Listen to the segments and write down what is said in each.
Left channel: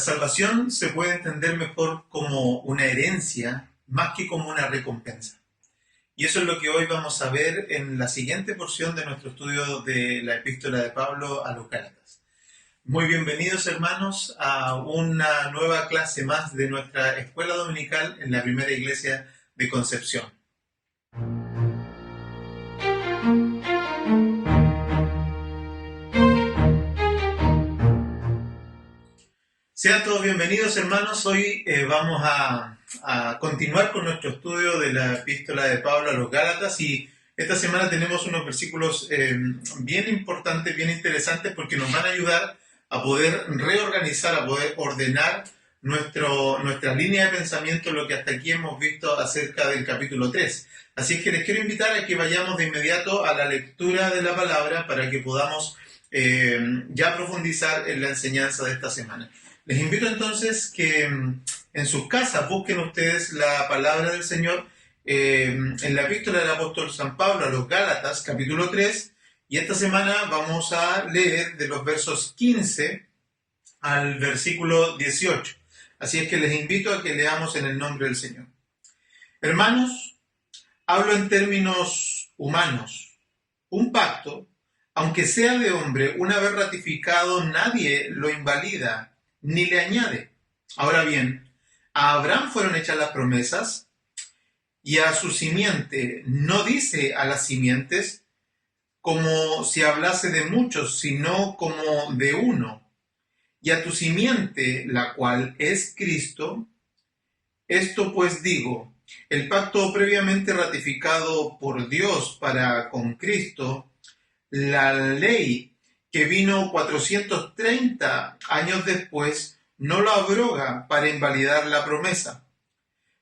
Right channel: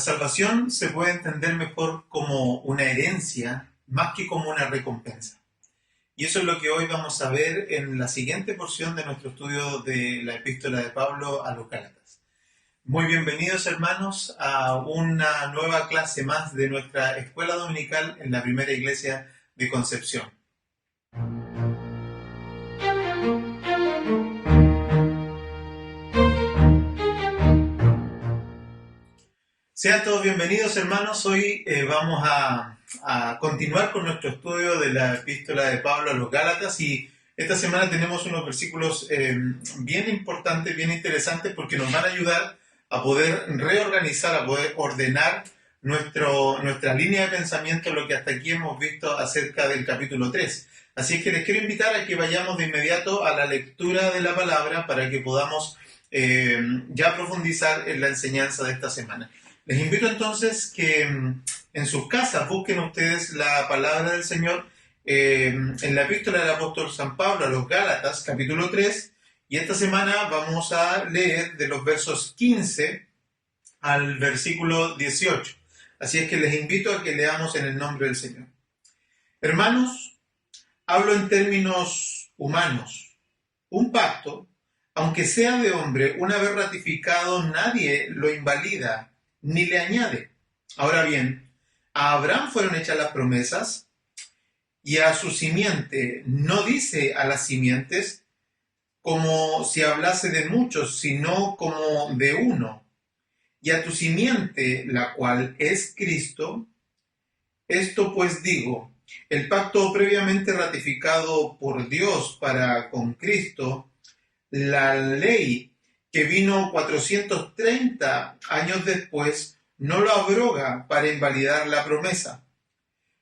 La salvación se puede entender mejor como una herencia más que como una recompensa. Y eso es lo que hoy vamos a ver en la siguiente porción de nuestro estudio de la epístola de Pablo a los Gálatas. Muy bienvenidos, hermanos, a una nueva clase más de nuestra escuela dominical en la primera iglesia de Concepción. Sean todos bienvenidos, hermanos. Hoy vamos a continuar con nuestro estudio de la epístola de Pablo a los Gálatas y esta semana tenemos unos versículos bien importantes, bien interesantes porque nos van a ayudar a poder reorganizar, a poder ordenar nuestra línea de pensamiento, lo que hasta aquí hemos visto acerca del capítulo 3. Así es que les quiero invitar a que vayamos de inmediato a la lectura de la palabra para que podamos ya profundizar en la enseñanza de esta semana. Les invito entonces que en sus casas busquen ustedes la palabra del Señor en la epístola del apóstol San Pablo a los Gálatas, capítulo 3, y esta semana vamos a leer de los versos 15 al versículo 18. Así es que les invito a que leamos en el nombre del Señor. Hermanos, hablo en términos humanos. Un pacto, aunque sea de hombre, una vez ratificado, nadie lo invalida ni le añade. Ahora bien, a Abraham fueron hechas las promesas y a su simiente. No dice a las simientes como si hablase de muchos, sino como de uno. Y a tu simiente, la cual es Cristo. Esto pues digo, el pacto previamente ratificado por Dios para con Cristo, la ley que vino 430 años después, no lo abroga para invalidar la promesa.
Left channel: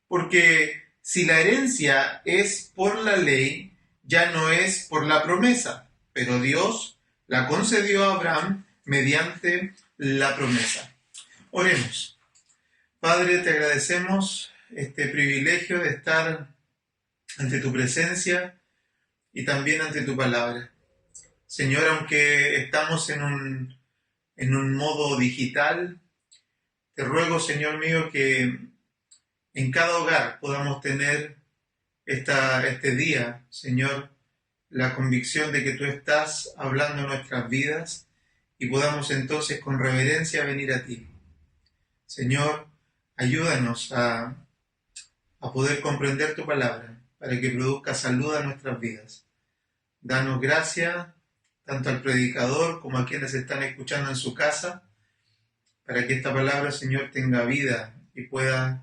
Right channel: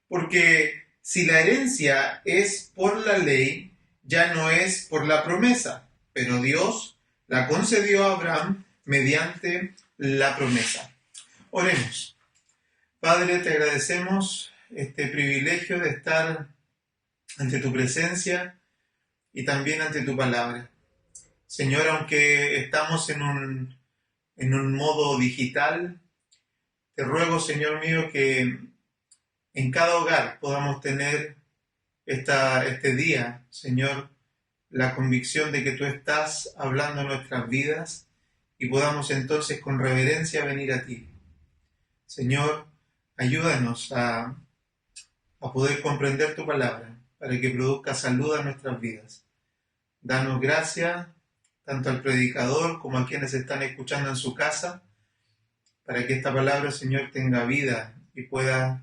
Porque si la herencia es por la ley, ya no es por la promesa, pero Dios la concedió a Abraham mediante la promesa. Oremos. Padre, te agradecemos este privilegio de estar ante tu presencia y también ante tu palabra. Señor, aunque estamos en un modo digital, te ruego, Señor mío, que en cada hogar podamos tener este día, Señor, la convicción de que tú estás hablando en nuestras vidas y podamos entonces con reverencia venir a ti. Señor, ayúdanos a poder comprender tu palabra para que produzca salud a nuestras vidas. Danos gracia tanto al predicador como a quienes están escuchando en su casa, para que esta palabra, Señor, tenga vida y pueda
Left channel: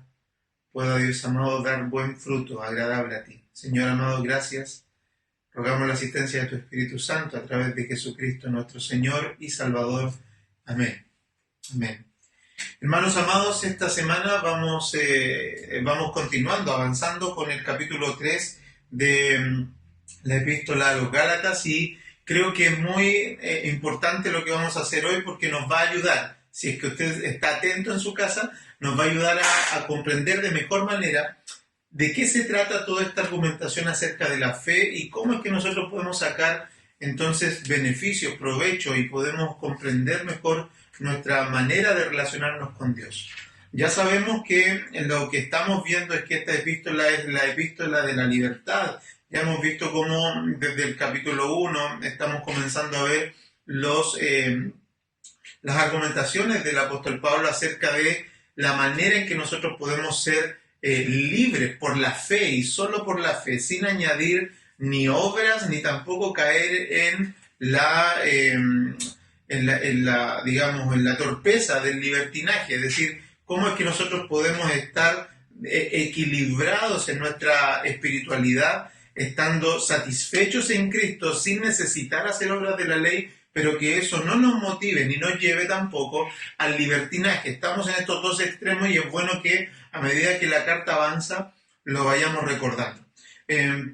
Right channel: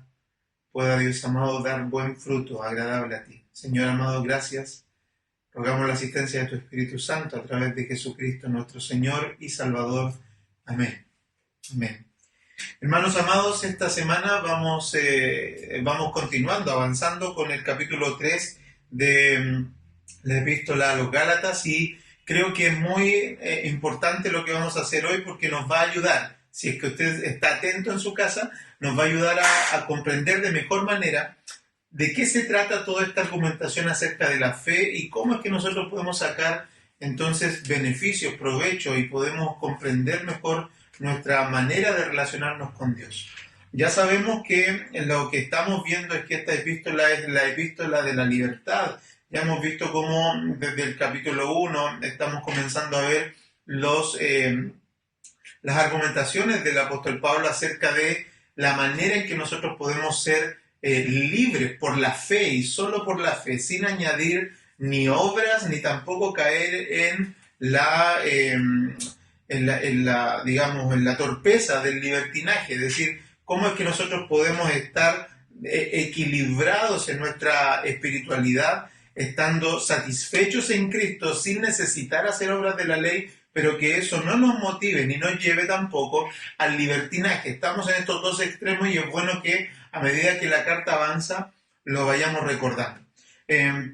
Dios amado dar buen fruto agradable a ti. Señor amado, gracias. Rogamos la asistencia de tu Espíritu Santo a través de Jesucristo nuestro Señor y Salvador. Amén. Amén. Hermanos amados, esta semana vamos continuando, avanzando con el capítulo 3 de la epístola a los Gálatas y creo que es muy importante lo que vamos a hacer hoy porque nos va a ayudar, si es que usted está atento en su casa, nos va a ayudar a comprender de mejor manera de qué se trata toda esta argumentación acerca de la fe y cómo es que nosotros podemos sacar entonces beneficios, provecho y podemos comprender mejor nuestra manera de relacionarnos con Dios. Ya sabemos que lo que estamos viendo es que esta epístola es la epístola de la libertad. Ya hemos visto cómo desde el capítulo 1 estamos comenzando a ver las argumentaciones del apóstol Pablo acerca de la manera en que nosotros podemos ser libres por la fe y solo por la fe, sin añadir ni obras ni tampoco caer en la torpeza del libertinaje, es decir, cómo es que nosotros podemos estar equilibrados en nuestra espiritualidad, estando satisfechos en Cristo sin necesitar hacer obras de la ley, pero que eso no nos motive ni nos lleve tampoco al libertinaje. Estamos en estos dos extremos y es bueno que a medida que la carta avanza lo vayamos recordando.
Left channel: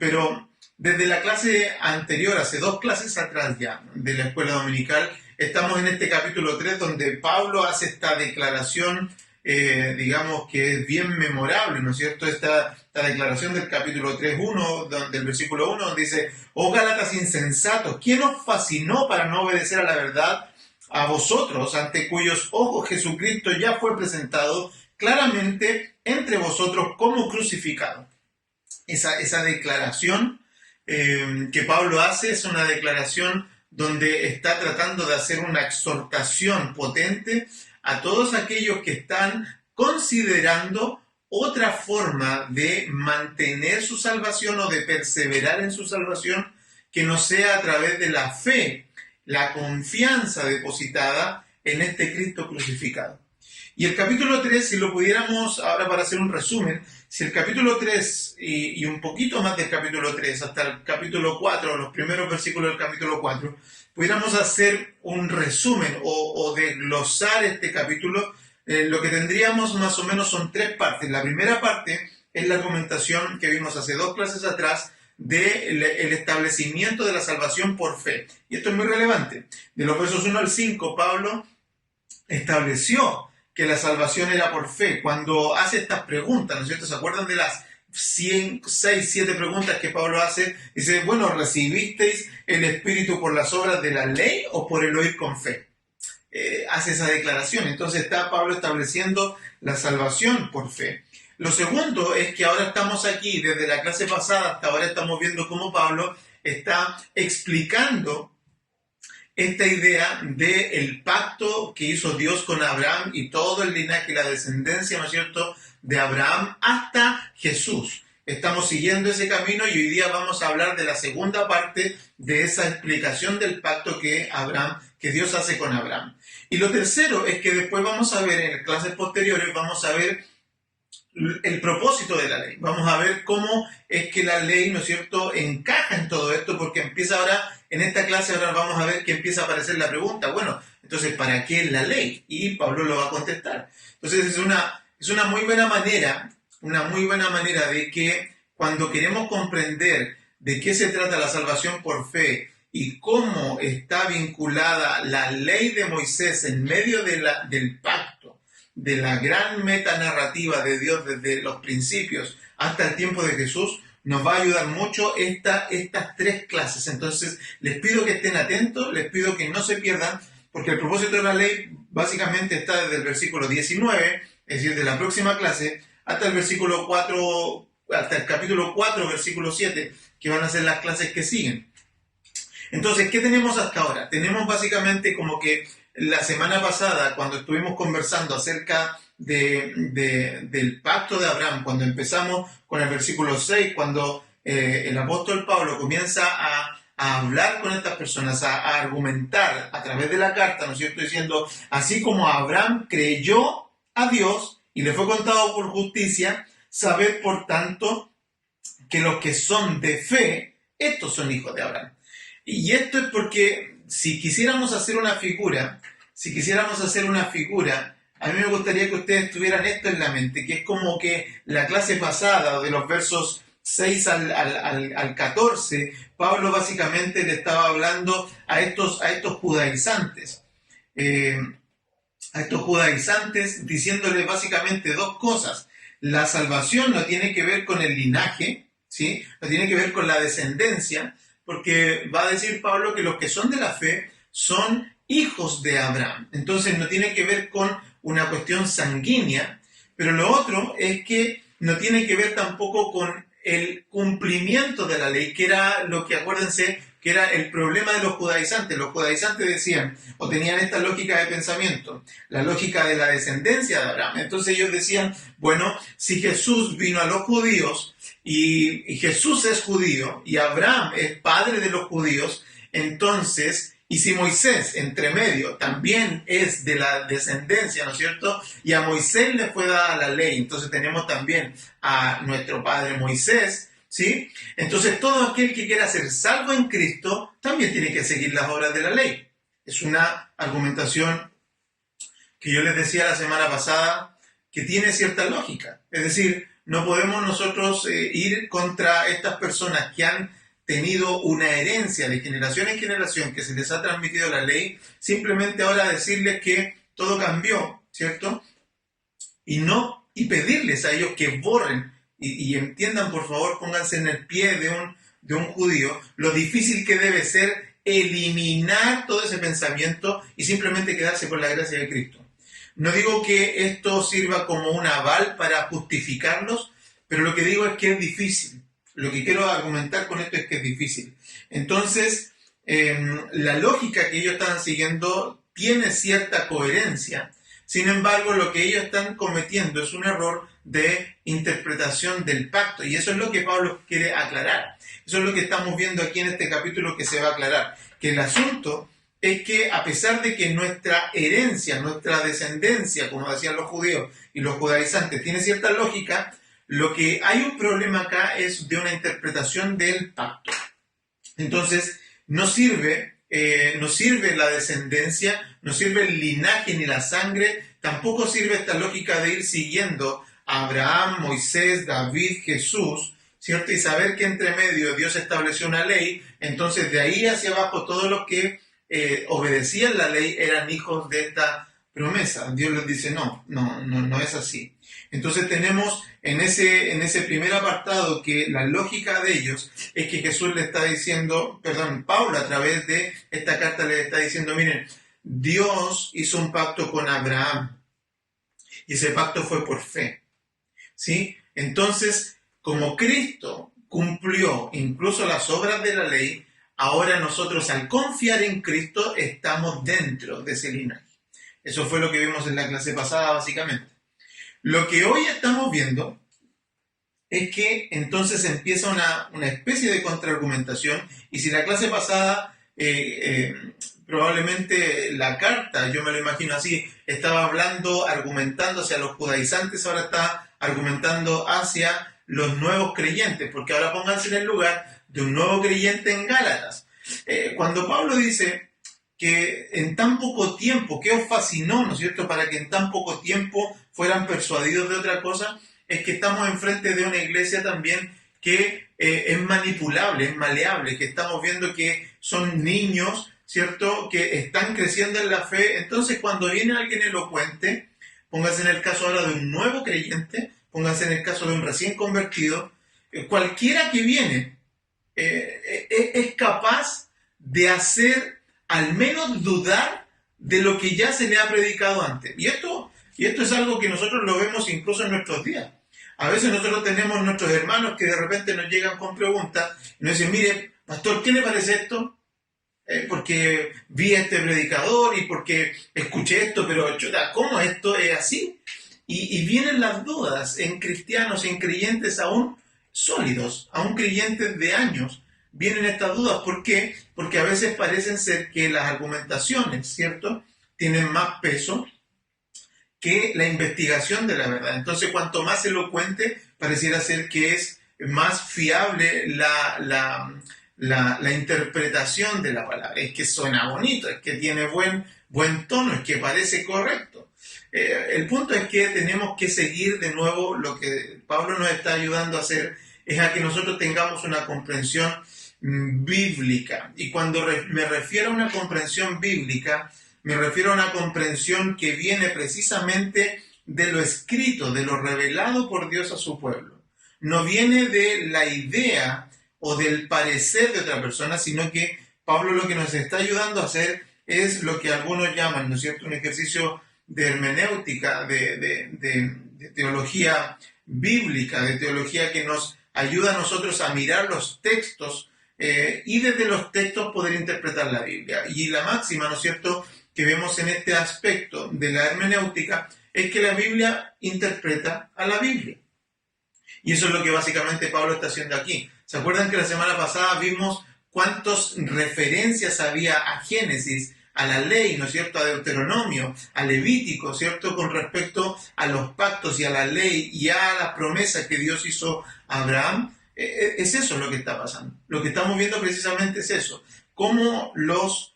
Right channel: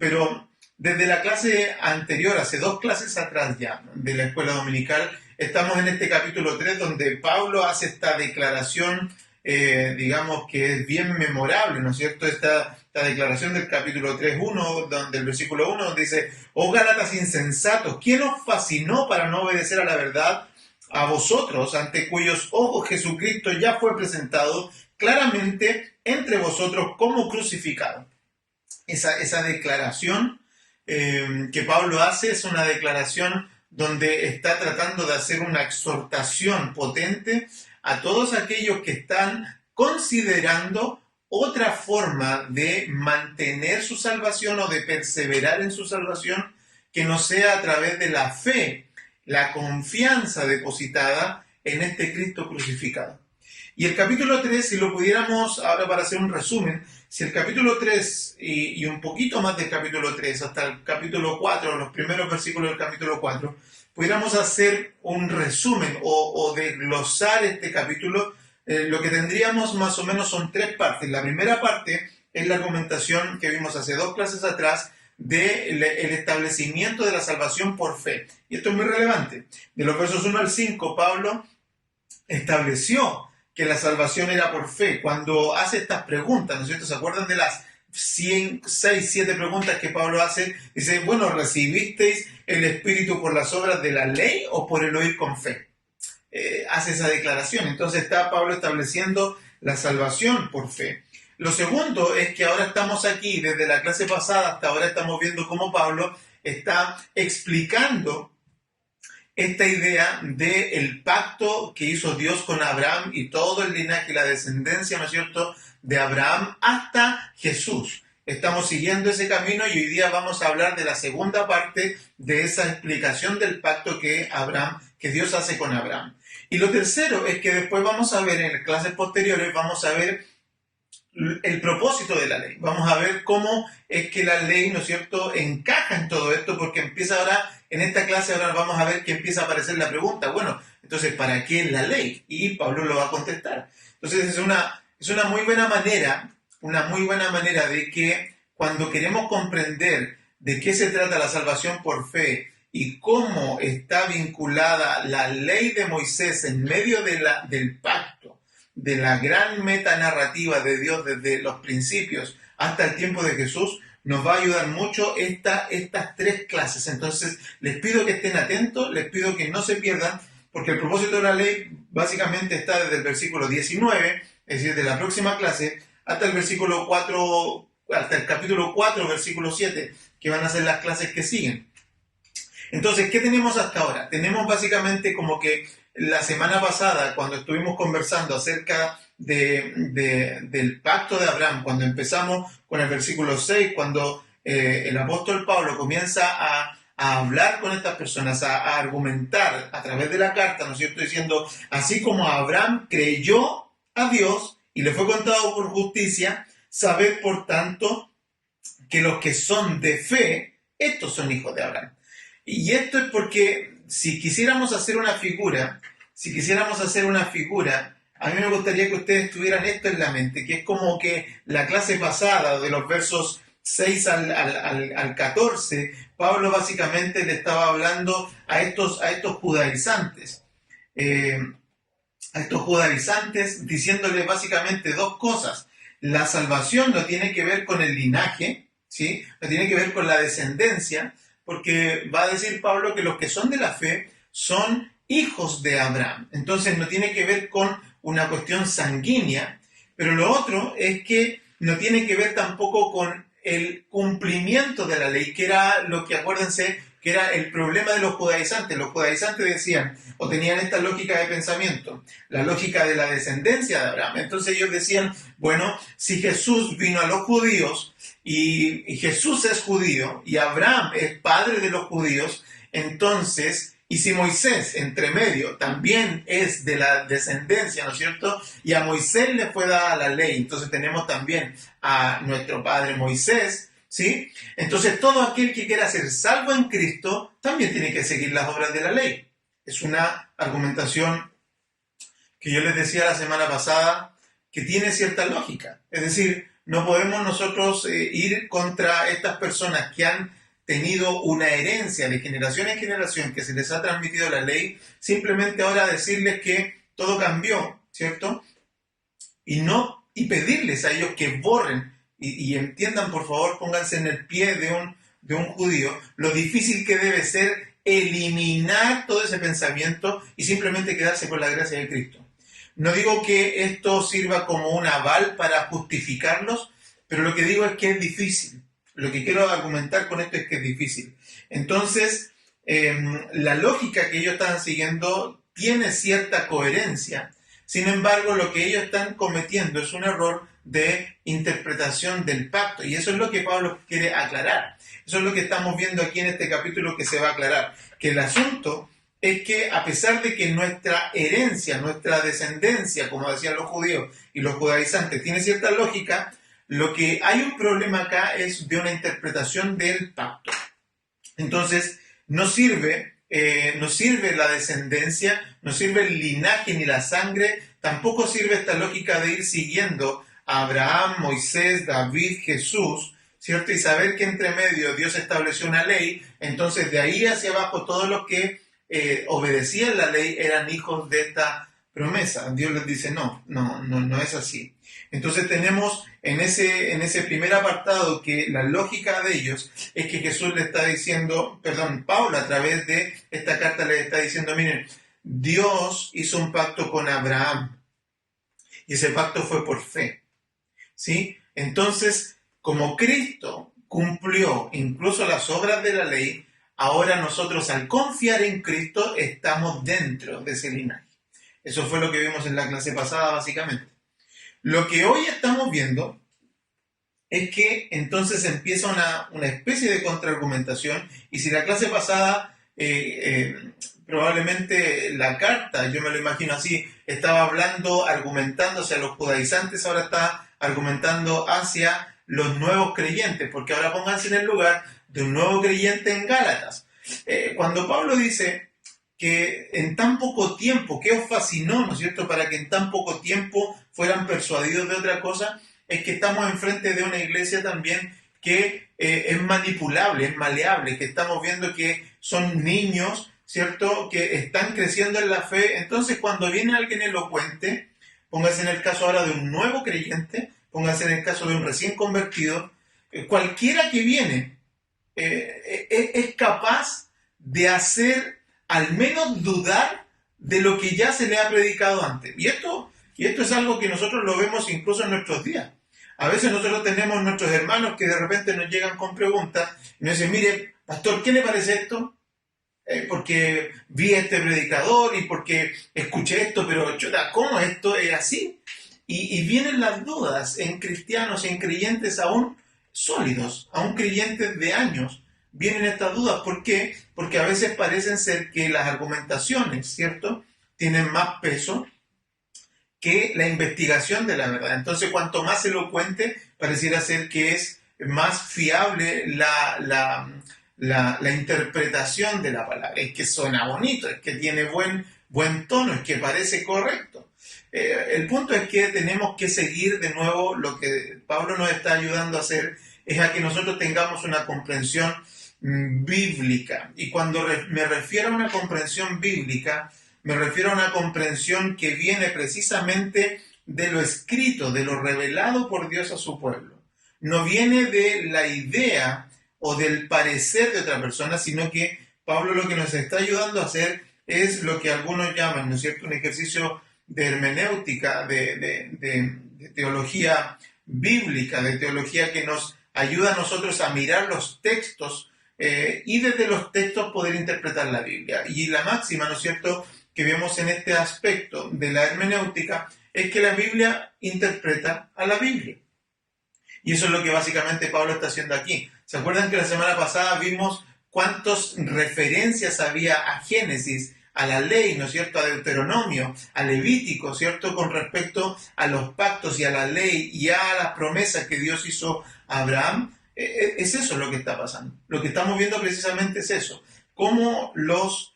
Pero desde la clase anterior, hace 2 clases atrás ya de la escuela dominical, estamos en este capítulo 3 donde Pablo hace esta declaración digamos que es bien memorable, ¿no es cierto? Esta declaración del capítulo 3:1, del versículo 1, donde dice: oh Gálatas insensatos, ¿quién os fascinó para no obedecer a la verdad? a vosotros, ante cuyos ojos Jesucristo ya fue presentado claramente entre vosotros como crucificado. Esa declaración que Pablo hace es una declaración donde está tratando de hacer una exhortación potente a todos aquellos que están considerando otra forma de mantener su salvación o de perseverar en su salvación que no sea a través de la fe, la confianza depositada en este Cristo crucificado. Y el capítulo 3, si lo pudiéramos, ahora para hacer un resumen, si el capítulo 3 y un poquito más del capítulo 3 hasta el capítulo 4, los primeros versículos del capítulo 4, pudiéramos hacer un resumen o desglosar este capítulo, lo que tendríamos más o menos son 3 partes. La primera parte es la argumentación que vimos hace 2 clases atrás del establecimiento de la salvación por fe. Y esto es muy relevante. De los versos 1 al 5, Pablo estableció que la salvación era por fe. Cuando hace estas preguntas, ¿no es cierto? ¿Se acuerdan de las 6, 7 preguntas que Pablo hace? Dice, bueno, ¿recibisteis el Espíritu por las obras de la ley o por el oír con fe? Hace esa declaración. Entonces está Pablo estableciendo la salvación por fe. Lo segundo es que ahora estamos aquí, desde la clase pasada hasta ahora estamos viendo cómo Pablo está explicando esta idea del pacto que hizo Dios con Abraham y todo el linaje y la descendencia, ¿no es cierto?, de Abraham hasta Jesús. Estamos siguiendo ese camino y hoy día vamos a hablar de la segunda parte de esa explicación del pacto que Dios hace con Abraham. Y lo tercero es que después vamos a ver en clases posteriores, vamos a ver el propósito de la ley. Vamos a ver cómo es que la ley, ¿no es cierto?, encaja en todo esto, porque empieza ahora, en esta clase ahora vamos a ver que empieza a aparecer la pregunta, bueno, entonces, ¿para qué la ley? Y Pablo lo va a contestar. Entonces, es una muy buena manera de que cuando queremos comprender de qué se trata la salvación por fe y cómo está vinculada la ley de Moisés en medio del pacto, de la gran metanarrativa de Dios desde los principios hasta el tiempo de Jesús, nos va a ayudar mucho estas 3 clases. Entonces, les pido que estén atentos, les pido que no se pierdan, porque el propósito de la ley básicamente está desde el versículo 19, es decir, de la próxima clase, hasta el versículo 4, hasta el capítulo 4, versículo 7, que van a ser las clases que siguen. Entonces, ¿qué tenemos hasta ahora? Tenemos básicamente como que la semana pasada, cuando estuvimos conversando acerca del pacto de Abraham, cuando empezamos con el versículo 6, cuando el apóstol Pablo comienza a hablar con estas personas, a argumentar a través de la carta, ¿no es cierto?, diciendo, así como Abraham creyó a Dios y le fue contado por justicia, sabed por tanto que los que son de fe, estos son hijos de Abraham. Y esto es porque si quisiéramos hacer una figura, a mí me gustaría que ustedes tuvieran esto en la mente, que es como que la clase pasada, de los versos 6 al 14, Pablo básicamente le estaba hablando a estos judaizantes. Diciéndole básicamente 2 cosas. La salvación no tiene que ver con el linaje, ¿sí? No tiene que ver con la descendencia, porque va a decir Pablo que los que son de la fe son hijos de Abraham. Entonces no tiene que ver con una cuestión sanguínea, pero lo otro es que no tiene que ver tampoco con el cumplimiento de la ley, que era lo que, acuérdense, que era el problema de los judaizantes. Los judaizantes decían, o tenían esta lógica de pensamiento, la lógica de la descendencia de Abraham. Entonces ellos decían, bueno, si Jesús vino a los judíos y Jesús es judío y Abraham es padre de los judíos, entonces, y si Moisés, entre medio, también es de la descendencia, ¿no es cierto?, y a Moisés le fue dada la ley, entonces tenemos también a nuestro padre Moisés, ¿sí? Entonces todo aquel que quiera ser salvo en Cristo también tiene que seguir las obras de la ley. Es una argumentación que yo les decía la semana pasada que tiene cierta lógica. Es decir, no podemos nosotros ir contra estas personas que han tenido una herencia de generación en generación, que se les ha transmitido la ley, simplemente ahora decirles que todo cambió, ¿cierto? Y pedirles a ellos que borren y entiendan, por favor, pónganse en el pie de un judío, lo difícil que debe ser eliminar todo ese pensamiento y simplemente quedarse con la gracia de Cristo. No digo que esto sirva como un aval para justificarlos, pero lo que digo es que es difícil. Lo que quiero argumentar con esto es que es difícil. Entonces, la lógica que ellos están siguiendo tiene cierta coherencia. Sin embargo, lo que ellos están cometiendo es un error de interpretación del pacto. Y eso es lo que Pablo quiere aclarar. Eso es lo que estamos viendo aquí en este capítulo que se va a aclarar. Que el asunto es que a pesar de que nuestra herencia, nuestra descendencia, como decían los judíos y los judaizantes, tiene cierta lógica, lo que hay un problema acá es de una interpretación del pacto. Entonces, no sirve la descendencia, no sirve el linaje ni la sangre, tampoco sirve esta lógica de ir siguiendo a Abraham, Moisés, David, Jesús, ¿cierto? Y saber que entre medio Dios estableció una ley, entonces de ahí hacia abajo todos los que obedecían la ley eran hijos de esta promesa. Dios les dice, no es así. Entonces tenemos en ese primer apartado que la lógica de ellos es que Jesús le está diciendo, Pablo a través de esta carta le está diciendo, miren, Dios hizo un pacto con Abraham y ese pacto fue por fe, ¿sí? Entonces, como Cristo cumplió incluso las obras de la ley, ahora nosotros al confiar en Cristo estamos dentro de ese linaje. Eso fue lo que vimos en la clase pasada básicamente. Lo que hoy estamos viendo es que entonces empieza una especie de contraargumentación, y si la clase pasada probablemente la carta, yo me lo imagino así, estaba argumentando hacia los judaizantes, ahora está argumentando hacia los nuevos creyentes, porque ahora pónganse en el lugar de un nuevo creyente en Gálatas. Cuando Pablo dice que en tan poco tiempo, ¿qué os fascinó, no es cierto?, para que en tan poco tiempo fueran persuadidos de otra cosa? Es que estamos enfrente de una iglesia también que es manipulable, es maleable, que estamos viendo que son niños, ¿cierto?, que están creciendo en la fe. Entonces, cuando viene alguien elocuente, póngase en el caso ahora de un nuevo creyente, póngase en el caso de un recién convertido, cualquiera que viene es capaz de hacer al menos dudar de lo que ya se le ha predicado antes. Y esto es algo que nosotros lo vemos incluso en nuestros días. A veces nosotros tenemos nuestros hermanos que de repente nos llegan con preguntas y nos dicen, mire, pastor, ¿qué le parece esto? Porque vi a este predicador y porque escuché esto, pero ¿cómo esto es así? Y vienen las dudas en cristianos, en creyentes aún sólidos, aún creyentes de años. Vienen estas dudas. ¿Por qué? Porque a veces parecen ser que las argumentaciones, ¿cierto?, tienen más peso que la investigación de la verdad. Entonces, cuanto más elocuente, pareciera ser que es más fiable la interpretación de la palabra. Es que suena bonito, es que tiene buen tono, es que parece correcto. El punto es que tenemos que seguir de nuevo lo que Pablo nos está ayudando a hacer, es a que nosotros tengamos una comprensión bíblica. Y cuando me refiero a una comprensión bíblica, me refiero a una comprensión que viene precisamente de lo escrito, de lo revelado por Dios a su pueblo. No viene de la idea o del parecer de otra persona, sino que Pablo lo que nos está ayudando a hacer es lo que algunos llaman, ¿no es cierto?, un ejercicio de hermenéutica, de teología bíblica, de teología que nos ayuda a nosotros a mirar los textos y desde los textos poder interpretar la Biblia. Y la máxima, ¿no es cierto?, que vemos en este aspecto de la hermenéutica es que la Biblia interpreta a la Biblia. Y eso es lo que básicamente Pablo está haciendo aquí. ¿Se acuerdan que la semana pasada vimos cuántas referencias había a Génesis, a la ley, ¿no es cierto?, a Deuteronomio, a Levítico, ¿cierto?, con respecto a los pactos y a la ley y a las promesas que Dios hizo a Abraham? Es eso lo que está pasando. Lo que estamos viendo precisamente es eso. Cómo los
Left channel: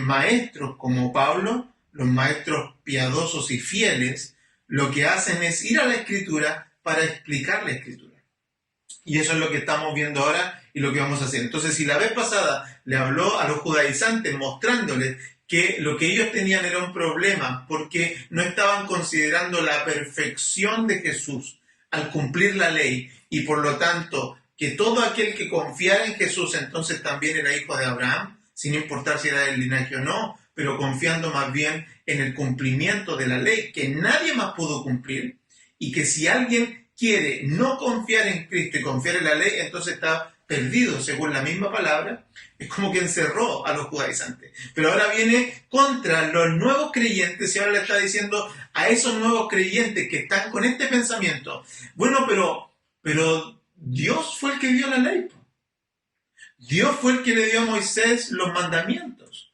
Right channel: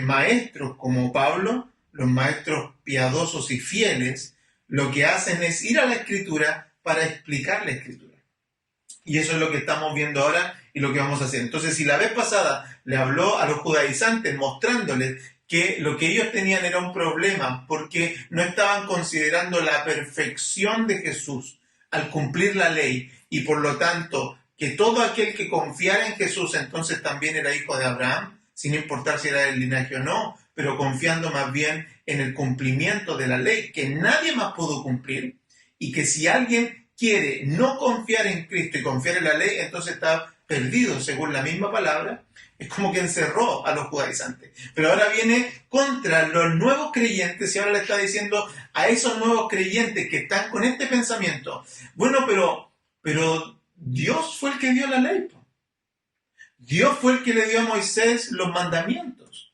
maestros como Pablo, los maestros piadosos y fieles, lo que hacen es ir a la Escritura para explicar la Escritura. Y eso es lo que estamos viendo ahora y lo que vamos a hacer. Entonces, si la vez pasada le habló a los judaizantes mostrándoles que lo que ellos tenían era un problema porque no estaban considerando la perfección de Jesús al cumplir la ley y por lo tanto que todo aquel que confiara en Jesús entonces también era hijo de Abraham, sin importar si era del linaje o no, pero confiando más bien en el cumplimiento de la ley, que nadie más pudo cumplir, y que si alguien quiere no confiar en Cristo y confiar en la ley, entonces está perdido, según la misma palabra. Es como que encerró a los judaizantes. Pero ahora viene contra los nuevos creyentes y ahora le está diciendo a esos nuevos creyentes que están con este pensamiento, bueno, pero Dios fue el que dio la ley. Dios fue el que le dio a Moisés los mandamientos.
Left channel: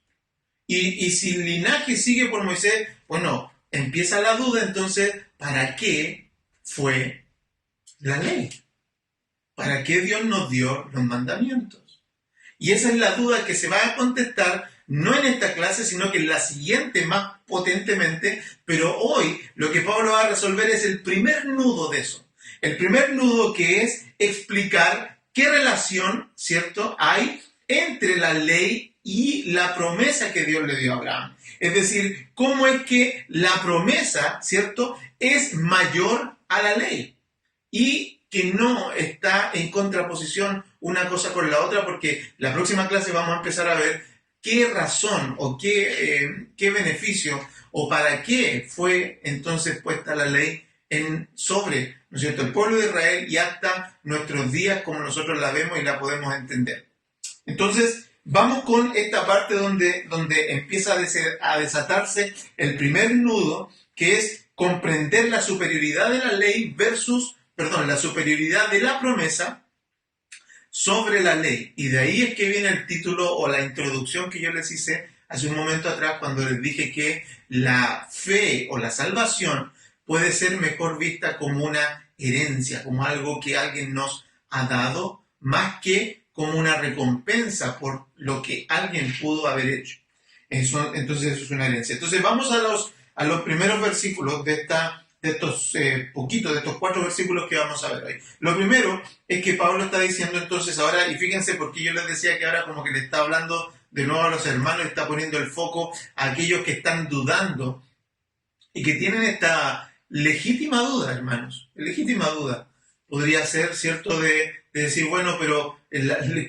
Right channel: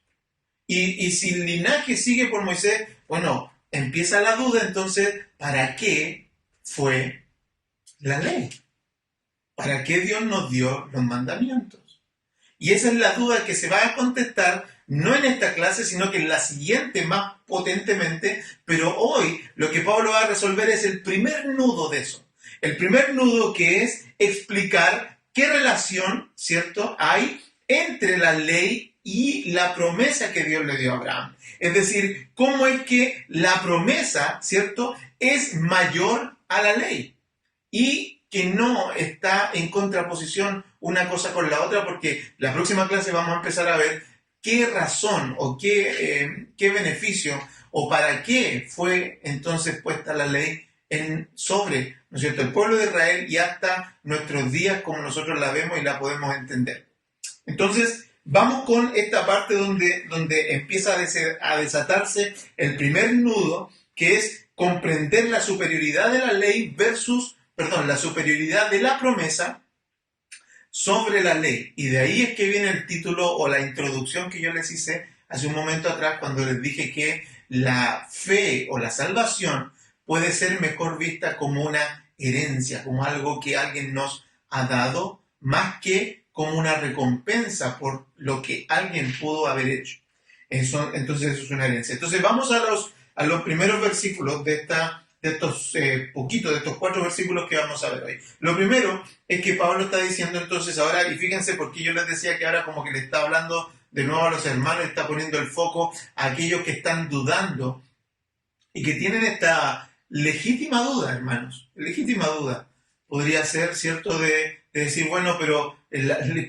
Y si el linaje sigue por Moisés, bueno, empieza la duda entonces, ¿para qué fue la ley? ¿Para qué Dios nos dio los mandamientos? Y esa es la duda que se va a contestar no en esta clase, sino que en la siguiente más potentemente, pero hoy lo que Pablo va a resolver es el primer nudo de eso. El primer nudo, que es explicar qué relación, ¿cierto?, hay entre la ley y la promesa que Dios le dio a Abraham. Es decir, cómo es que la promesa, ¿cierto?, es mayor a la ley y que no está en contraposición una cosa con la otra, porque la próxima clase vamos a empezar a ver qué razón o qué beneficio o para qué fue entonces puesta la ley sobre, ¿no es cierto?, el pueblo de Israel y hasta nuestros días como nosotros la vemos y la podemos entender. Entonces, vamos con esta parte donde empieza a desatarse el primer nudo, que es comprender la superioridad de la ley la superioridad de la promesa sobre la ley. Y de ahí es que viene el título o la introducción que yo les hice hace un momento atrás cuando les dije que la fe o la salvación puede ser mejor vista como una herencia, como algo que alguien nos ha dado, más que como una recompensa por lo que alguien pudo haber hecho. Entonces eso es una herencia. Entonces vamos a los primeros versículos de estos 4 versículos que vamos a ver hoy. Lo primero es que Pablo está diciendo entonces ahora, y fíjense porque yo les decía que ahora como que le está hablando de nuevo a los hermanos, está poniendo el foco a aquellos que están dudando y que tienen esta legítima duda, hermanos, legítima duda. Podría ser, ¿cierto?, de decir, bueno, pero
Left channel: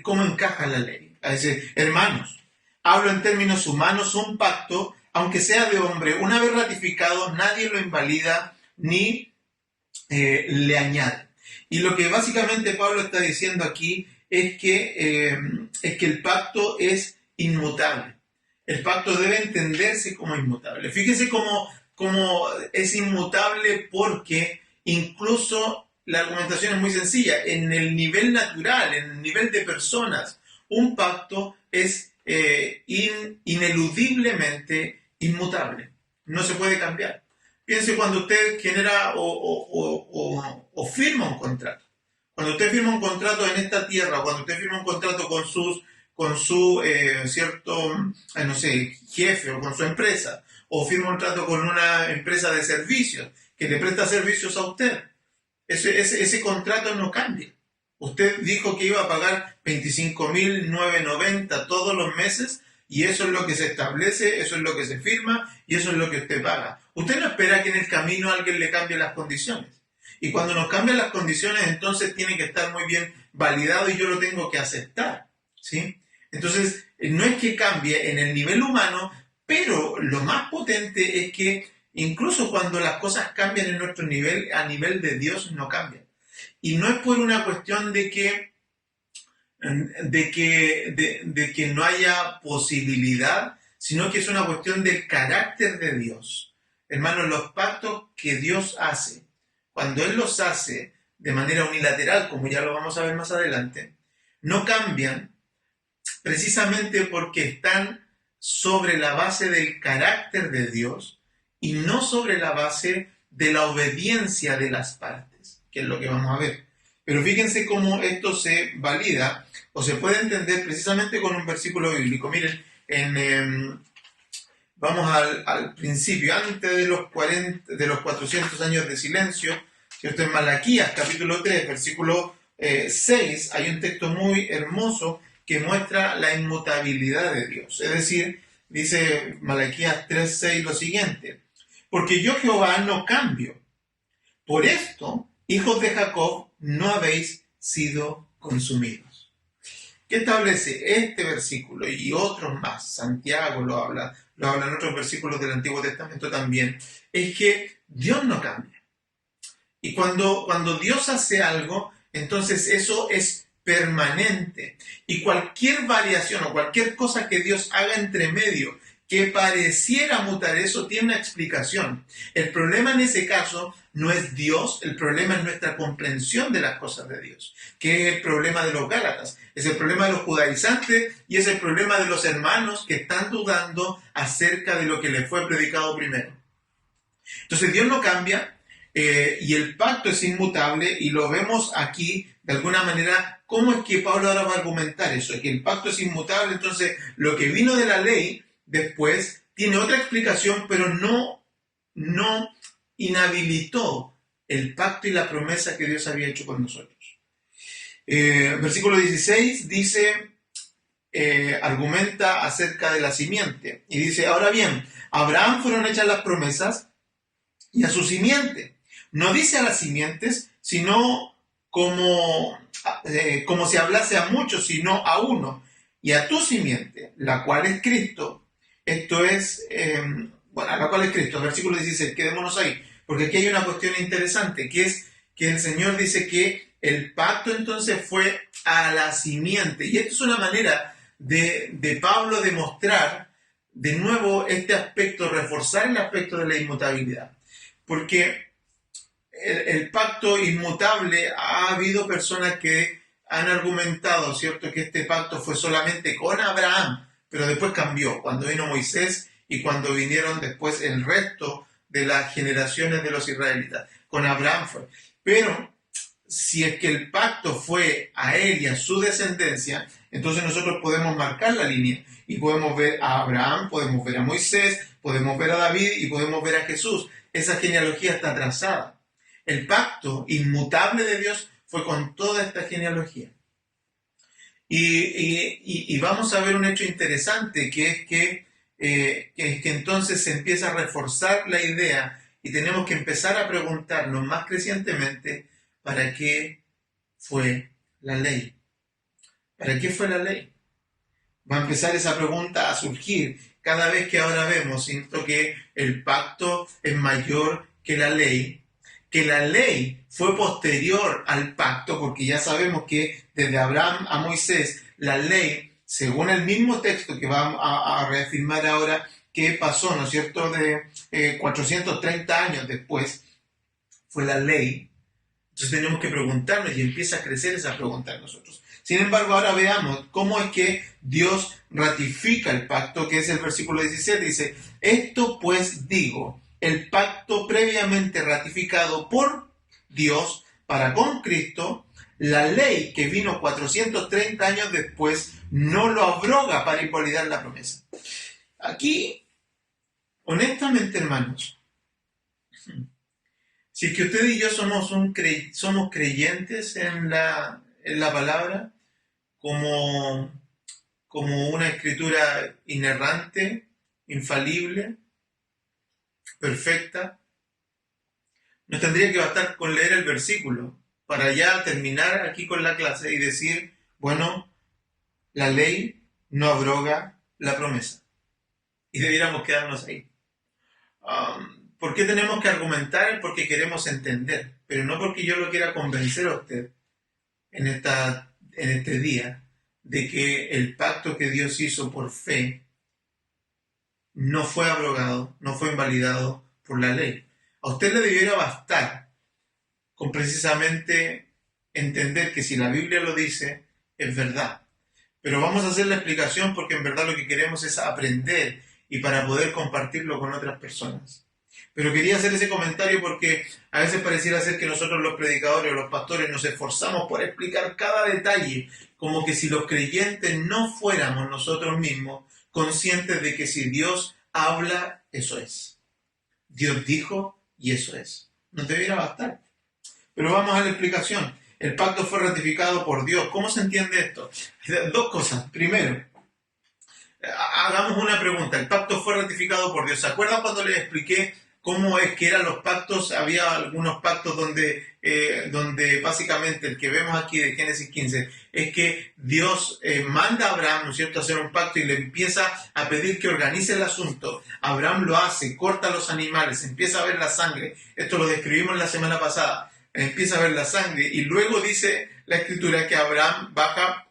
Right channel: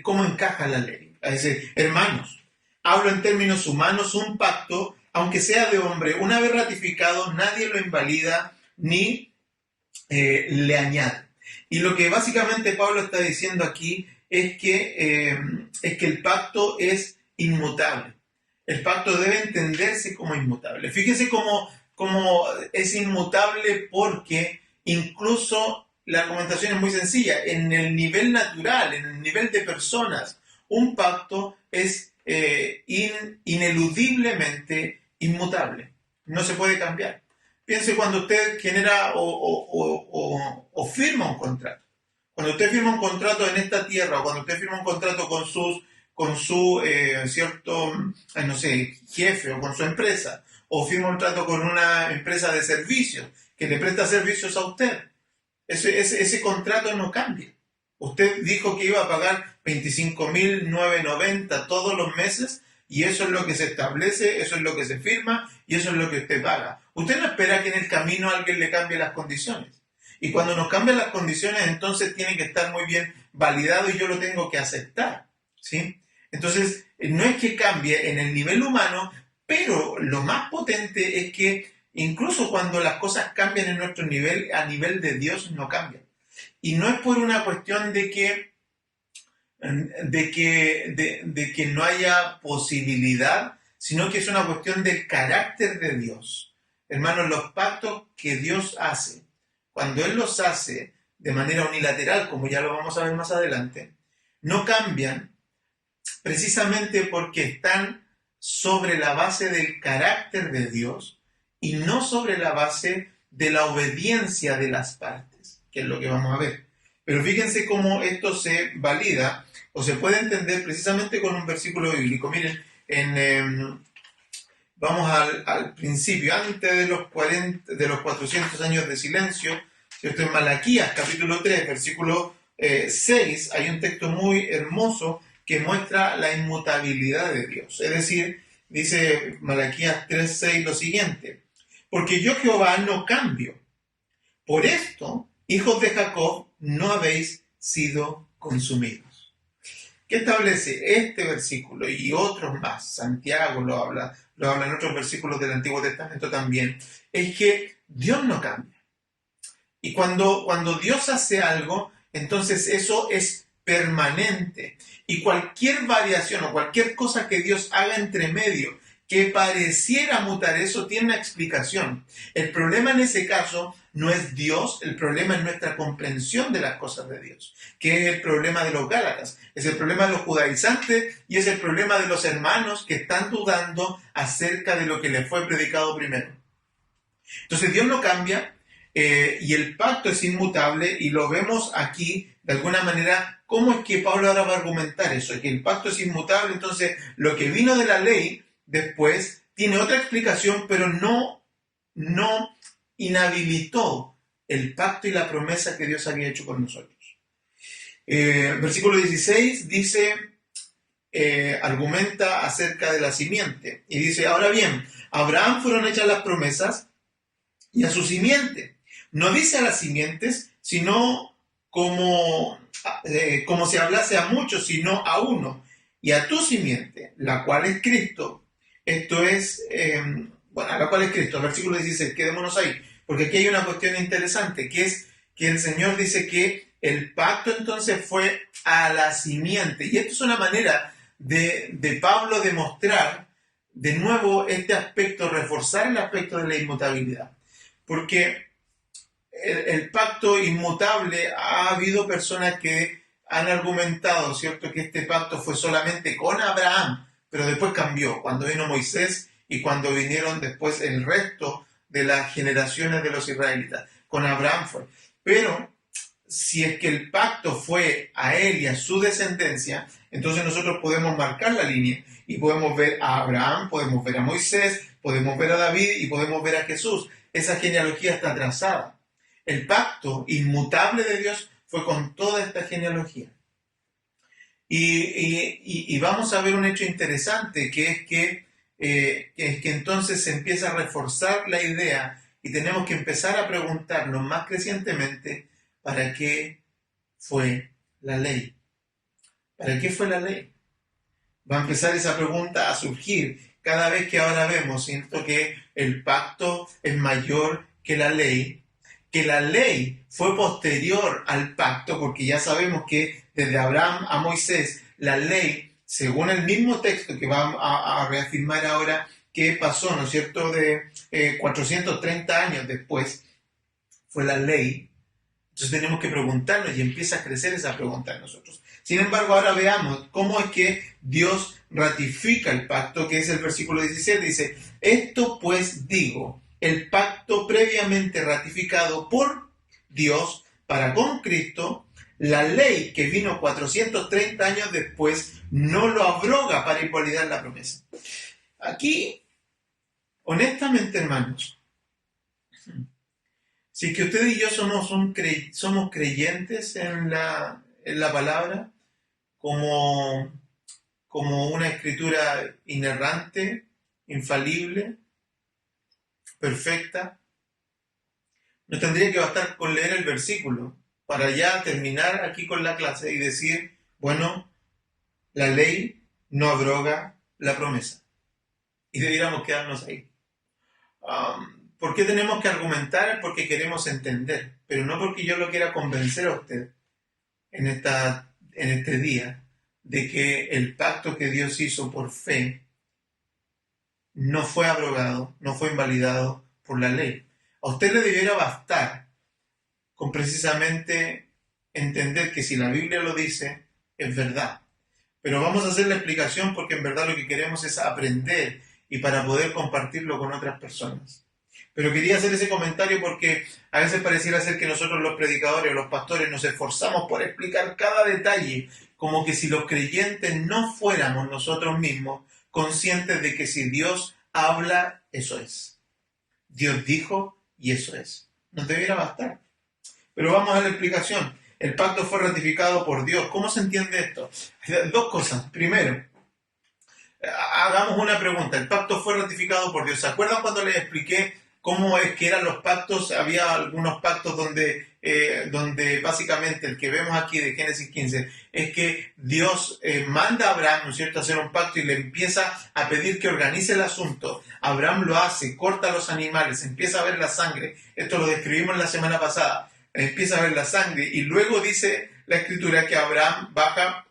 ¿cómo encaja la ley? Es decir, hermanos, hablo en términos humanos, un pacto, aunque sea de hombre, una vez ratificado, nadie lo invalida ni le añade. Y lo que básicamente Pablo está diciendo aquí es que el pacto es inmutable. El pacto debe entenderse como inmutable. Fíjense cómo es inmutable porque incluso la argumentación es muy sencilla. En el nivel natural, en el nivel de personas, un pacto es ineludiblemente inmutable. No se puede cambiar. Piense cuando usted genera o firma un contrato. Cuando usted firma un contrato en esta tierra, cuando usted firma un contrato con su cierto, no sé, jefe o con su empresa, o firma un trato con una empresa de servicios que le presta servicios a usted, ese contrato no cambia. Usted dijo que iba a pagar $25,990 todos los meses y eso es lo que se establece, eso es lo que se firma y eso es lo que usted paga. Usted no espera que en el camino alguien le cambie las condiciones. Y cuando nos cambian las condiciones, entonces tiene que estar muy bien validado y yo lo tengo que aceptar, ¿sí? Entonces, no es que cambie en el nivel humano, pero lo más potente es que incluso cuando las cosas cambian en nuestro nivel, a nivel de Dios no cambian. Y no es por una cuestión de que no haya posibilidad, sino que es una cuestión del carácter de Dios. Hermanos, los pactos que Dios hace, cuando Él los hace de manera unilateral, como ya lo vamos a ver más adelante, no cambian precisamente porque están sobre la base del carácter de Dios y no sobre la base de la obediencia de las partes, que es lo que vamos a ver. Pero fíjense cómo esto se valida o se puede entender precisamente con un versículo bíblico. Miren, vamos al principio, antes de los 400 años de silencio, ¿cierto? En Malaquías, capítulo 3, versículo 6, hay un texto muy hermoso que muestra la inmutabilidad de Dios. Es decir, dice Malaquías 3:6 lo siguiente: porque yo Jehová no cambio. Por esto, hijos de Jacob, no habéis sido consumidos. ¿Qué establece este versículo y otros más? Santiago lo habla en otros versículos del Antiguo Testamento también. Es que Dios no cambia. Y cuando Dios hace algo, entonces eso es permanente. Y cualquier variación o cualquier cosa que Dios haga entre medio que pareciera mutar, eso tiene una explicación. El problema en ese caso no es Dios, el problema es nuestra comprensión de las cosas de Dios, que es el problema de los Gálatas, es el problema de los judaizantes y es el problema de los hermanos que están dudando acerca de lo que les fue predicado primero. Entonces Dios no cambia y el pacto es inmutable, y lo vemos aquí de alguna manera. ¿Cómo es que Pablo ahora va a argumentar eso? Que el pacto es inmutable, entonces lo que vino de la ley después tiene otra explicación, pero no inhabilitó el pacto y la promesa que Dios había hecho con nosotros. Versículo 16 dice, argumenta acerca de la simiente, y dice: ahora bien, a Abraham fueron hechas las promesas y a su simiente. No dice a las simientes, sino como si hablase a muchos, sino a uno, y a tu simiente, la cual es Cristo. Esto es, a la cual es Cristo. Versículo 16, quedémonos ahí, porque aquí hay una cuestión interesante, que es que el Señor dice que el pacto entonces fue a la simiente. Y esto es una manera de Pablo demostrar de nuevo este aspecto, reforzar el aspecto de la inmutabilidad. Porque el pacto inmutable, ha habido personas que han argumentado, ¿cierto?, que este pacto fue solamente con Abraham, pero después cambió cuando vino Moisés y cuando vinieron después el resto de las generaciones de los israelitas. Con Abraham fue. Pero si es que el pacto fue a él y a su descendencia, entonces nosotros podemos marcar la línea y podemos ver a Abraham, podemos ver a Moisés, podemos ver a David y podemos ver a Jesús. Esa genealogía está trazada. El pacto inmutable de Dios fue con toda esta genealogía. Y vamos a ver un hecho interesante, que es que entonces se empieza a reforzar la idea y tenemos que empezar a preguntarnos más crecientemente: ¿para qué fue la ley? ¿Para qué fue la ley? Va a empezar esa pregunta a surgir cada vez que ahora vemos, siento que el pacto es mayor que la ley fue posterior al pacto, porque ya sabemos que desde Abraham a Moisés, la ley, según el mismo texto que va a reafirmar ahora, que pasó, ¿no es cierto?, de 430 años después, fue la ley. Entonces tenemos que preguntarnos y empieza a crecer esa pregunta en nosotros. Sin embargo, ahora veamos cómo es que Dios ratifica el pacto, que es el versículo 17, dice: esto pues digo, el pacto previamente ratificado por Dios para con Cristo, la ley que vino 430 años después no lo abroga para invalidar la promesa. Aquí, honestamente, hermanos, si es que usted y yo somos creyentes en la palabra como una escritura inerrante, infalible, perfecta, nos tendría que bastar con leer el versículo para ya terminar aquí con la clase y decir: bueno, la ley no abroga la promesa. Y debiéramos quedarnos ahí. ¿Por qué tenemos que argumentar? Porque queremos entender, pero no porque yo lo quiera convencer a usted en este día de que el pacto que Dios hizo por fe no fue abrogado, no fue invalidado por la ley. A usted le debiera bastar con precisamente entender que si la Biblia lo dice, es verdad. Pero vamos a hacer la explicación porque en verdad lo que queremos es aprender y para poder compartirlo con otras personas. Pero quería hacer ese comentario porque a veces pareciera ser que nosotros los predicadores o los pastores nos esforzamos por explicar cada detalle, como que si los creyentes no fuéramos nosotros mismos conscientes de que si Dios habla, eso es. Dios dijo y eso es. Nos debiera bastar. Pero vamos a la explicación. El pacto fue ratificado por Dios. ¿Cómo se entiende esto? Dos cosas. Primero, hagamos una pregunta. El pacto fue ratificado por Dios. ¿Se acuerdan cuando les expliqué cómo es que eran los pactos. Había algunos pactos donde básicamente el que vemos aquí de Génesis 15 es que Dios manda a Abraham, ¿no es cierto?, a hacer un pacto y le empieza a pedir que organice el asunto. Abraham lo hace, corta los animales, empieza a ver la sangre. Esto lo describimos la semana pasada. Empieza a ver la sangre y luego dice la Escritura que Abraham baja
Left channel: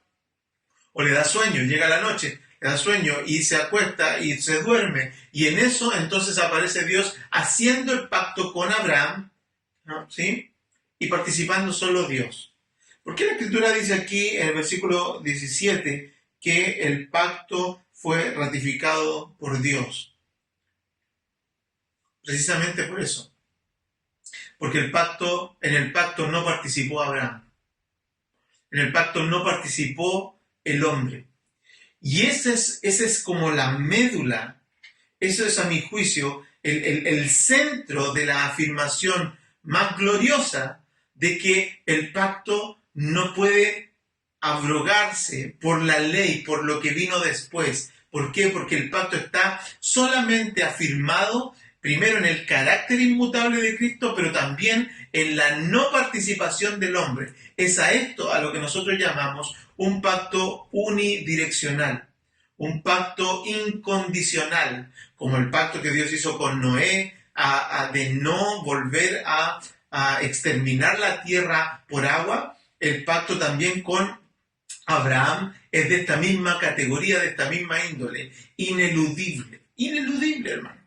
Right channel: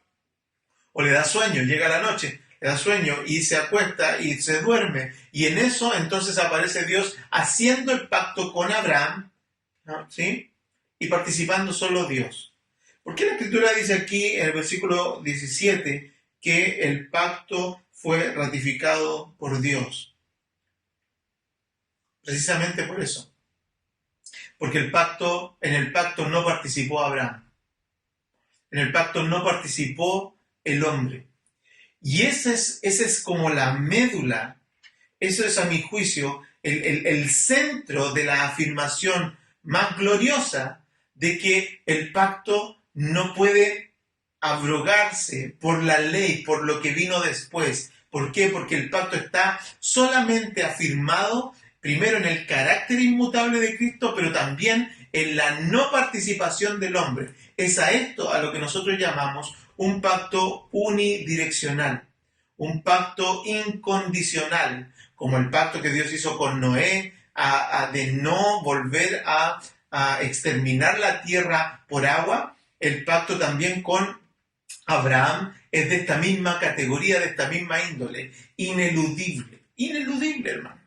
o le da sueño, llega la noche, le da sueño y se acuesta y se duerme. Y en eso entonces aparece Dios haciendo el pacto con Abraham, ¿no? ¿Sí? Y participando solo Dios. ¿Por qué la Escritura dice aquí en el versículo 17 que el pacto fue ratificado por Dios? Precisamente por eso. Porque en el pacto no participó Abraham. En el pacto no participó el hombre. Y esa es como la médula, eso es a mi juicio el centro de la afirmación más gloriosa de que el pacto no puede abrogarse por la ley, por lo que vino después. ¿Por qué? Porque el pacto está solamente afirmado primero en el carácter inmutable de Cristo, pero también en la no participación del hombre. Es a esto a lo que nosotros llamamos un pacto unidireccional, un pacto incondicional, como el pacto que Dios hizo con Noé, de no volver a exterminar la tierra por agua. El pacto también con Abraham es de esta misma categoría, de esta misma índole, ineludible, hermanos.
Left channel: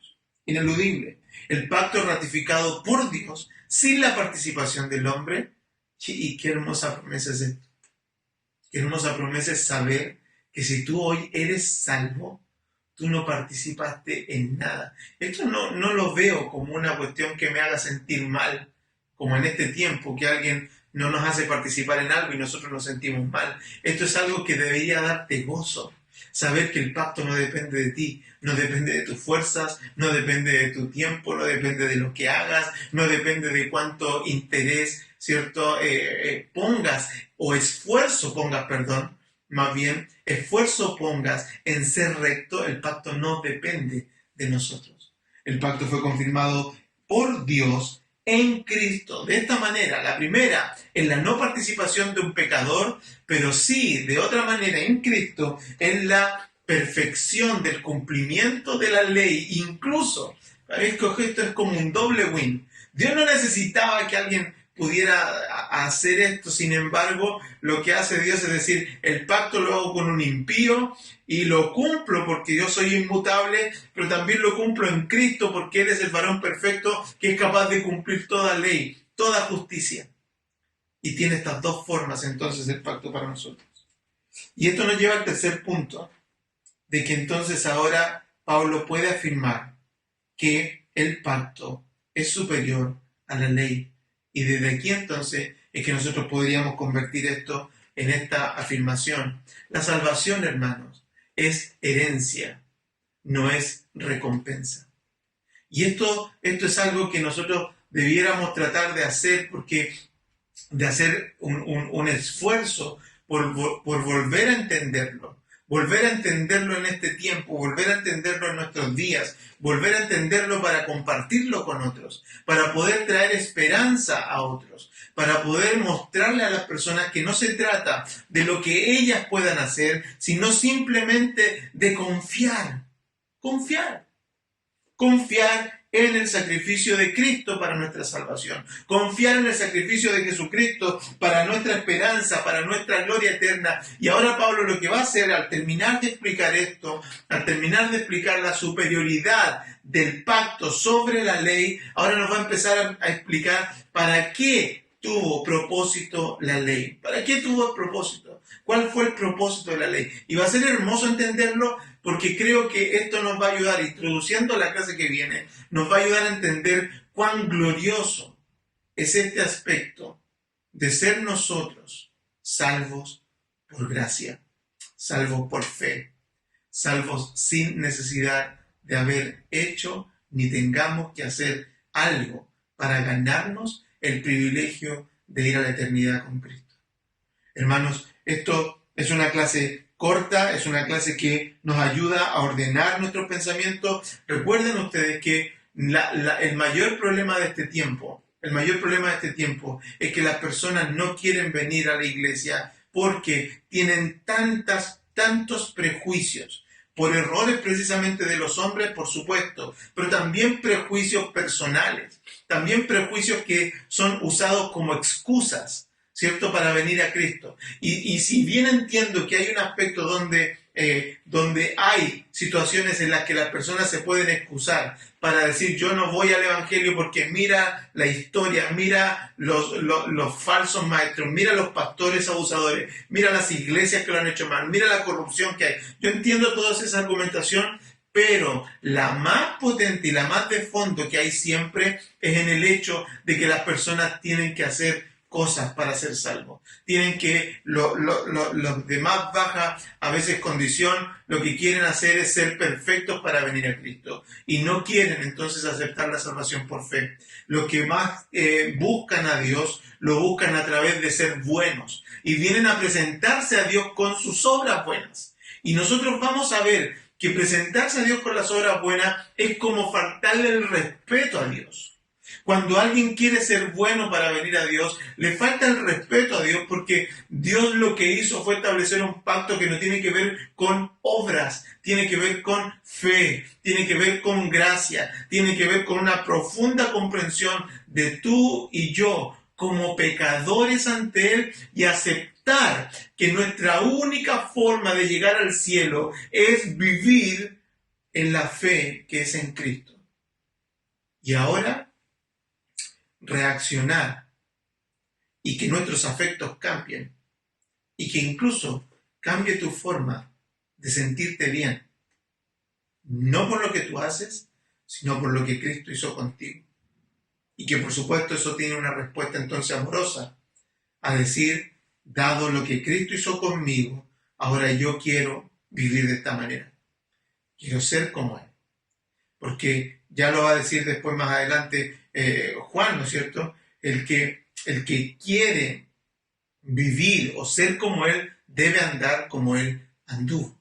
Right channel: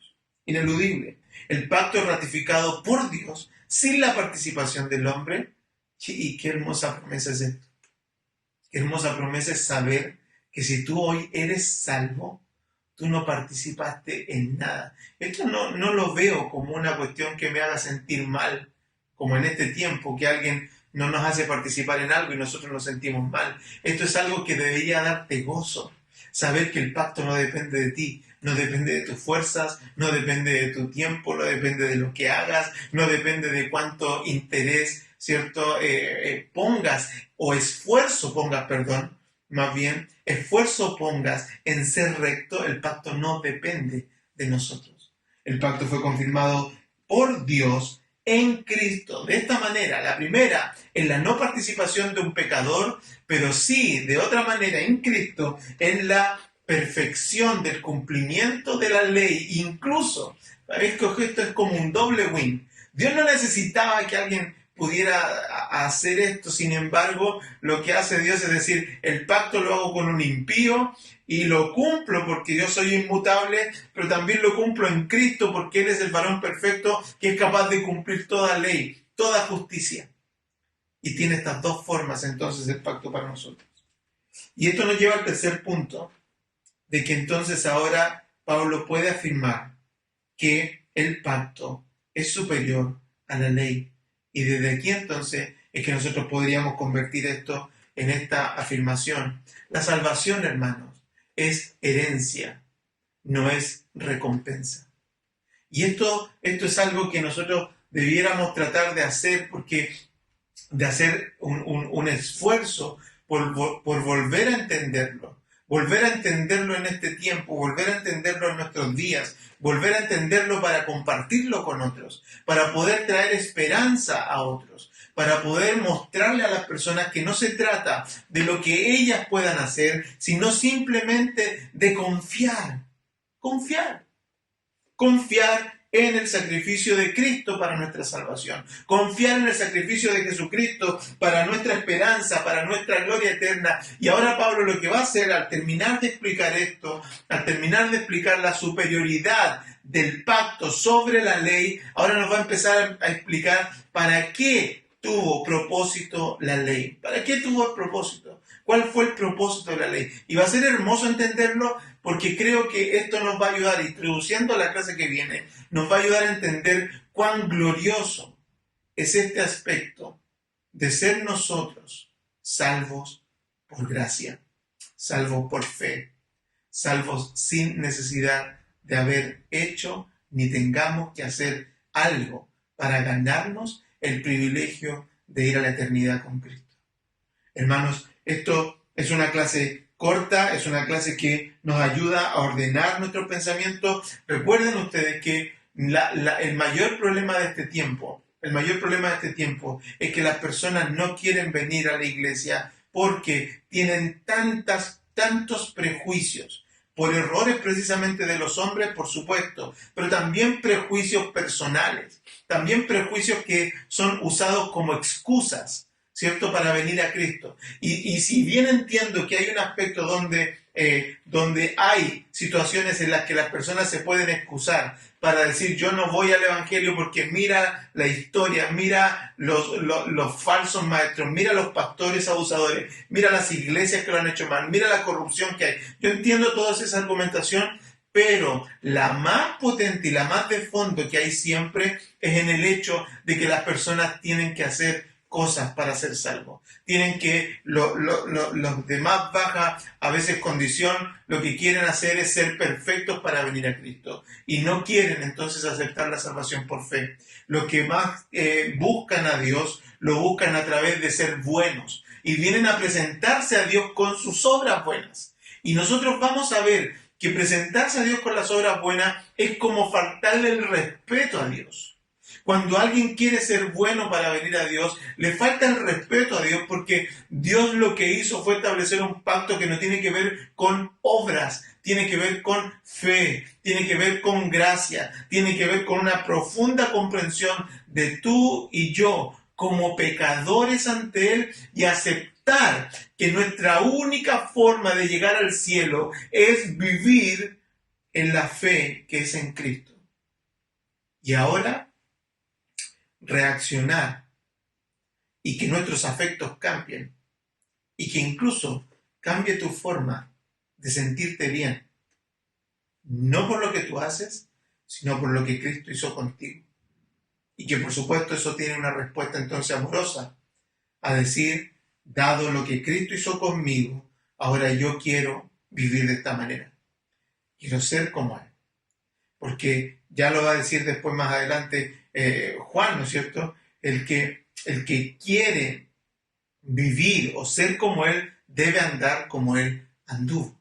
Ineludible. El pacto es ratificado por Dios sin la participación del hombre. Y qué hermosa promesa es esto. Qué hermosa promesa es saber que si tú hoy eres salvo, tú no participaste en nada. Esto no lo veo como una cuestión que me haga sentir mal, como en este tiempo que alguien no nos hace participar en algo y nosotros nos sentimos mal. Esto es algo que debería darte gozo. Saber que el pacto no depende de ti, no depende de tus fuerzas, no depende de tu tiempo, no depende de lo que hagas, no depende de cuánto interés, ¿cierto?, pongas, o esfuerzo pongas, perdón, más bien, esfuerzo pongas en ser recto. El pacto no depende de nosotros. El pacto fue confirmado por Dios en Cristo. De esta manera, la primera, en la no participación de un pecador, pero sí, de otra manera, en Cristo, en la perfección del cumplimiento de la ley. Incluso, ¿sabéis que esto es como un doble win? Dios no necesitaba que alguien pudiera hacer esto, sin embargo, lo que hace Dios es decir, el pacto lo hago con un impío y lo cumplo porque yo soy inmutable, pero también lo cumplo en Cristo porque Él es el varón perfecto que es capaz de cumplir toda ley, toda justicia. Y tiene estas dos formas entonces el pacto para nosotros. Y esto nos lleva al tercer punto, de que entonces ahora Pablo puede afirmar que el pacto es superior a la ley. Y desde aquí entonces es que nosotros podríamos convertir esto en esta afirmación. La salvación, hermanos, es herencia, no es recompensa. Y esto es algo que nosotros debiéramos tratar de hacer, porque de hacer un esfuerzo por volver a entenderlo en este tiempo, volver a entenderlo en nuestros días, volver a entenderlo para compartirlo con otros, para poder traer esperanza a otros, para poder mostrarle a las personas que no se trata de lo que ellas puedan hacer, sino simplemente de confiar en el sacrificio de Cristo para nuestra salvación, confiar en el sacrificio de Jesucristo para nuestra esperanza, para nuestra gloria eterna. Y ahora Pablo lo que va a hacer al terminar de explicar esto, al terminar de explicar la superioridad del pacto sobre la ley, ahora nos va a empezar a explicar para qué tuvo propósito la ley. ¿Para qué tuvo propósito? ¿Cuál fue el propósito de la ley? Y va a ser hermoso entenderlo, porque creo que esto nos va a ayudar, introduciendo la clase que viene, nos va a ayudar a entender cuán glorioso es este aspecto de ser nosotros salvos por gracia, salvos por fe, salvos sin necesidad de haber hecho ni tengamos que hacer algo para ganarnos el privilegio de ir a la eternidad con Cristo. Hermanos, esto es una clase corta, es una clase que nos ayuda a ordenar nuestros pensamientos. Recuerden ustedes que El mayor problema de este tiempo, es que las personas no quieren venir a la iglesia porque tienen tantos prejuicios, por errores precisamente de los hombres, por supuesto, pero también prejuicios personales, también prejuicios que son usados como excusas, ¿cierto?, para venir a Cristo. Y si bien entiendo que hay un aspecto donde hay situaciones en las que las personas se pueden excusar para decir yo no voy al Evangelio porque mira la historia, mira los falsos maestros, mira los pastores abusadores, mira las iglesias que lo han hecho mal, mira la corrupción que hay. Yo entiendo toda esa argumentación, pero la más potente y la más de fondo que hay siempre es en el hecho de que las personas tienen que hacer cosas para ser salvos. Tienen que, los de más baja, a veces condición, lo que quieren hacer es ser perfectos para venir a Cristo. Y no quieren entonces aceptar la salvación por fe. Los que más buscan a Dios, lo buscan a través de ser buenos. Y vienen a presentarse a Dios con sus obras buenas. Y nosotros vamos a ver que presentarse a Dios con las obras buenas es como faltarle el respeto a Dios. Cuando alguien quiere ser bueno para venir a Dios, le falta el respeto a Dios porque Dios lo que hizo fue establecer un pacto que no tiene que ver con obras, tiene que ver con fe, tiene que ver con gracia, tiene que ver con una profunda comprensión de tú y yo como pecadores ante Él y aceptar que nuestra única forma de llegar al cielo es vivir en la fe que es en Cristo. Y ahora reaccionar y que nuestros afectos cambien y que incluso cambie tu forma de sentirte bien, no por lo que tú haces, sino por lo que Cristo hizo contigo. Y que por supuesto eso tiene una respuesta entonces amorosa, a decir, dado lo que Cristo hizo conmigo, ahora yo quiero vivir de esta manera. Quiero ser como Él. Porque ya lo va a decir después más adelante Juan, ¿no es cierto? El que quiere vivir o ser como Él debe andar como Él anduvo.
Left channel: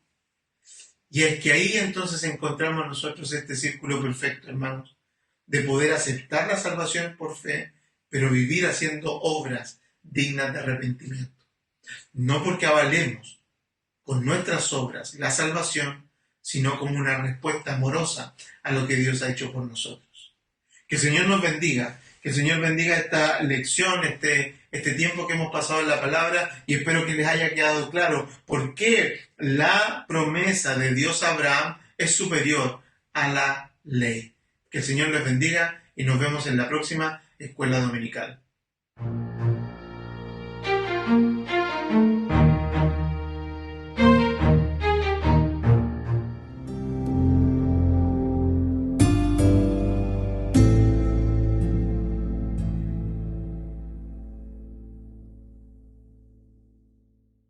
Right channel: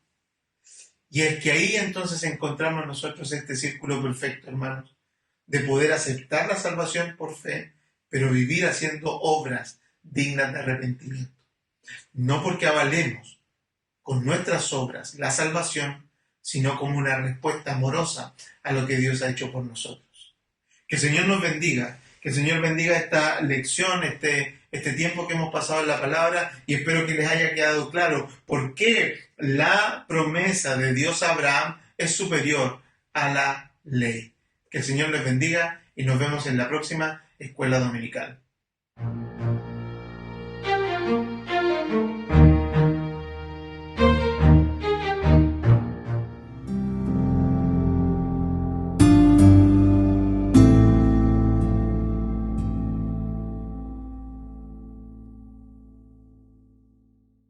Y es que ahí entonces encontramos nosotros este círculo perfecto, hermanos, de poder aceptar la salvación por fe, pero vivir haciendo obras dignas de arrepentimiento. No porque avalemos con nuestras obras la salvación, sino como una respuesta amorosa a lo que Dios ha hecho por nosotros. Que el Señor nos bendiga, que el Señor bendiga esta lección, este tiempo que hemos pasado en la palabra, y espero que les haya quedado claro por qué la promesa de Dios a Abraham es superior a la ley. Que el Señor les bendiga y nos vemos en la próxima escuela dominical.